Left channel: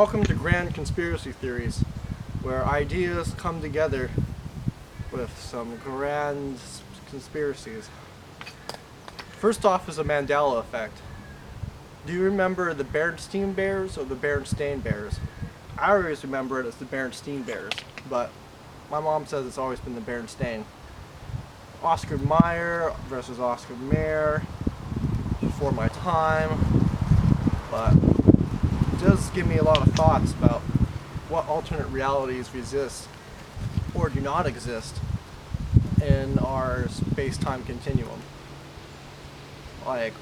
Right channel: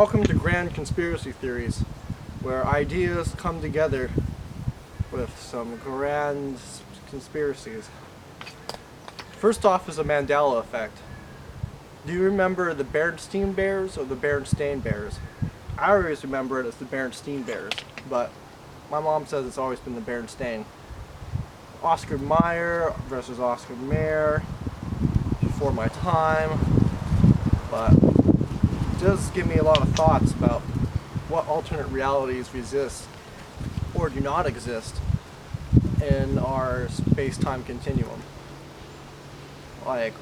Welcome to Grand Conspiracy Theories, where ideas come together with some grand conspiracies. First off is the Mandela Effect. Do you remember the Berenstain Bears or the Berenstain Bears? I always remember it as the Berenstain Bears, but my mom says it's always been the Berenstain. Oscar Mayer versus Oscar Mayer, before my time, but it does give me a lot of thoughts about what alternate realities exist or do not exist in our space-time continuum. Like,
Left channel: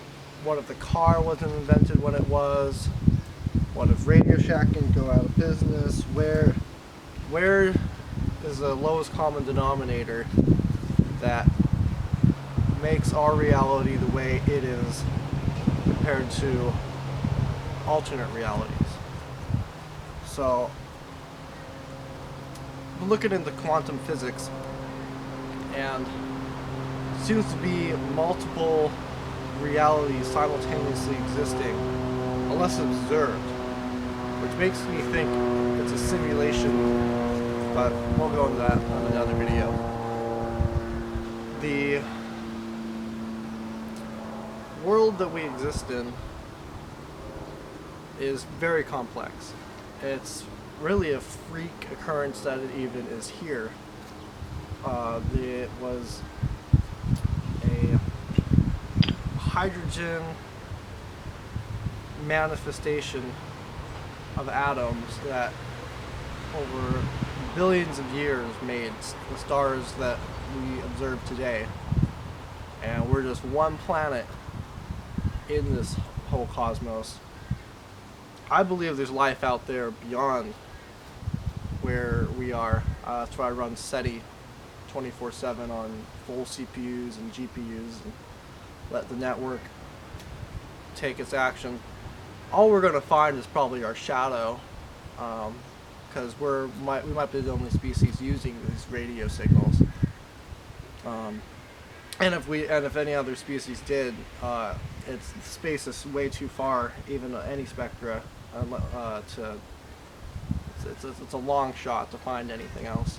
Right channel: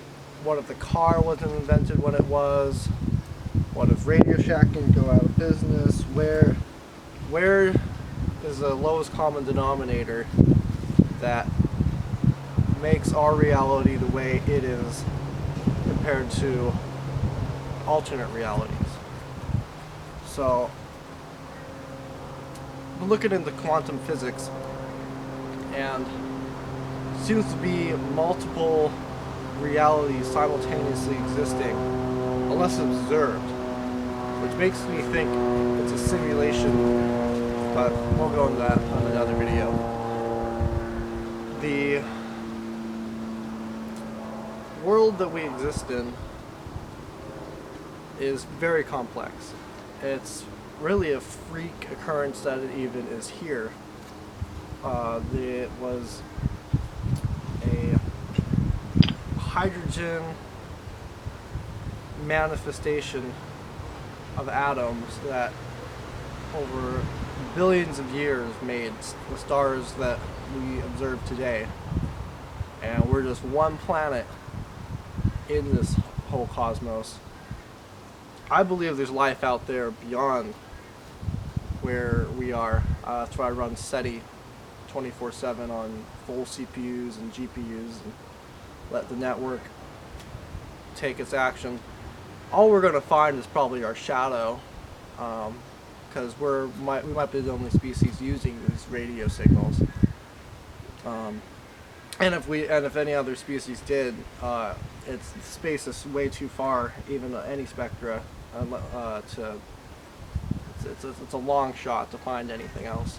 what if the car wasn't invented when it was? What if Radio Shack can go out of business? Where is the lowest common denominator that makes our reality the way it is compared to alternate realities? So, we're looking into quantum physics, and it seems to be multiple realities simultaneously existing unless observed, which makes me think it's a simulation, but we'll go into that on another video. The world that we exist in is very complex. It's really a freak occurrence that it even is here. It was a hydrogen manifestation of atoms that over billions of years made the stars that we observe today. And we're just one planet in this whole cosmos. I believe there's life out there beyond where we are. That's why I run SETI 24/7 on full CPUs and GPUs and let the network take its action. All we're going to find is probably our shadow, because we might be the only species using these radio signals. And if any other species did, it's space is way too far, even any spectra. It's a long shot to find anything else.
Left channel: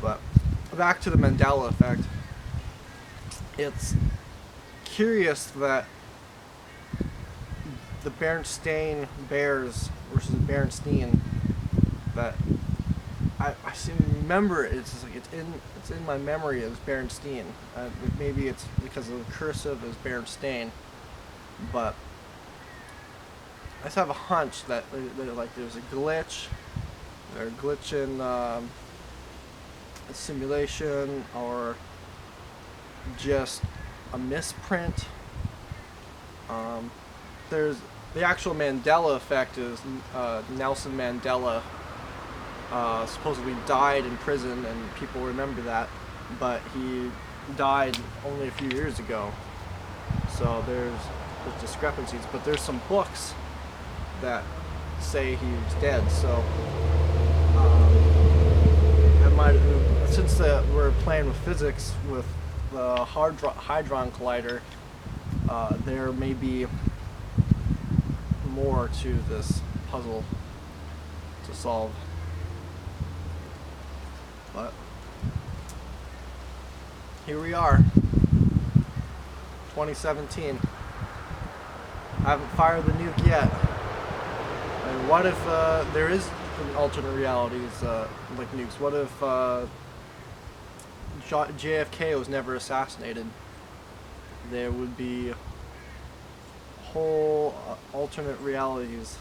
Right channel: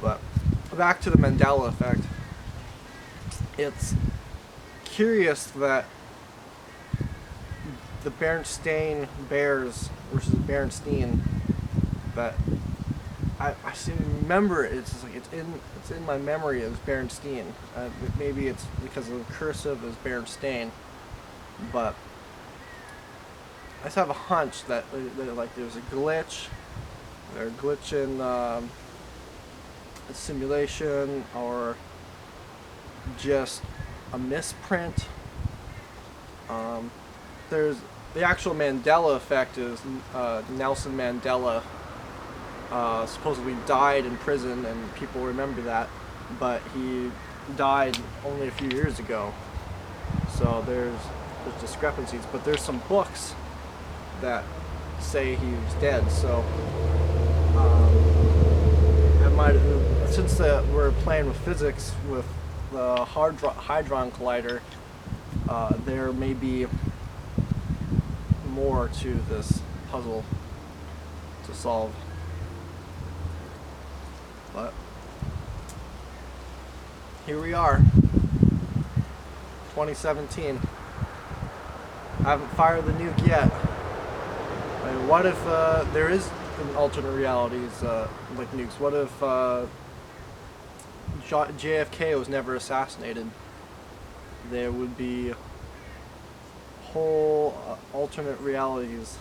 But back to the Mandela Effect. It's curious that the Berenstain Bears versus the Berenstain, that I seem to remember it's just like it's in my memory as Berenstain. Maybe it's because of the cursive as Berenstain, but I just have a hunch that like there's a glitch, or a glitch in a simulation, or just a misprint. There's the actual Mandela Effect is Nelson Mandela supposedly died in prison, and people remember that, but he died only a few years ago. So there's discrepancies, but there's some books that say he was dead. So since we're playing with physics with the Hadron Collider, there may be more to this puzzle to solve. But here we are, 2017. I haven't fired the nuke yet. I mean, what if there is alternate realities like nukes? What if JFK was never assassinated? There would be whole alternate realities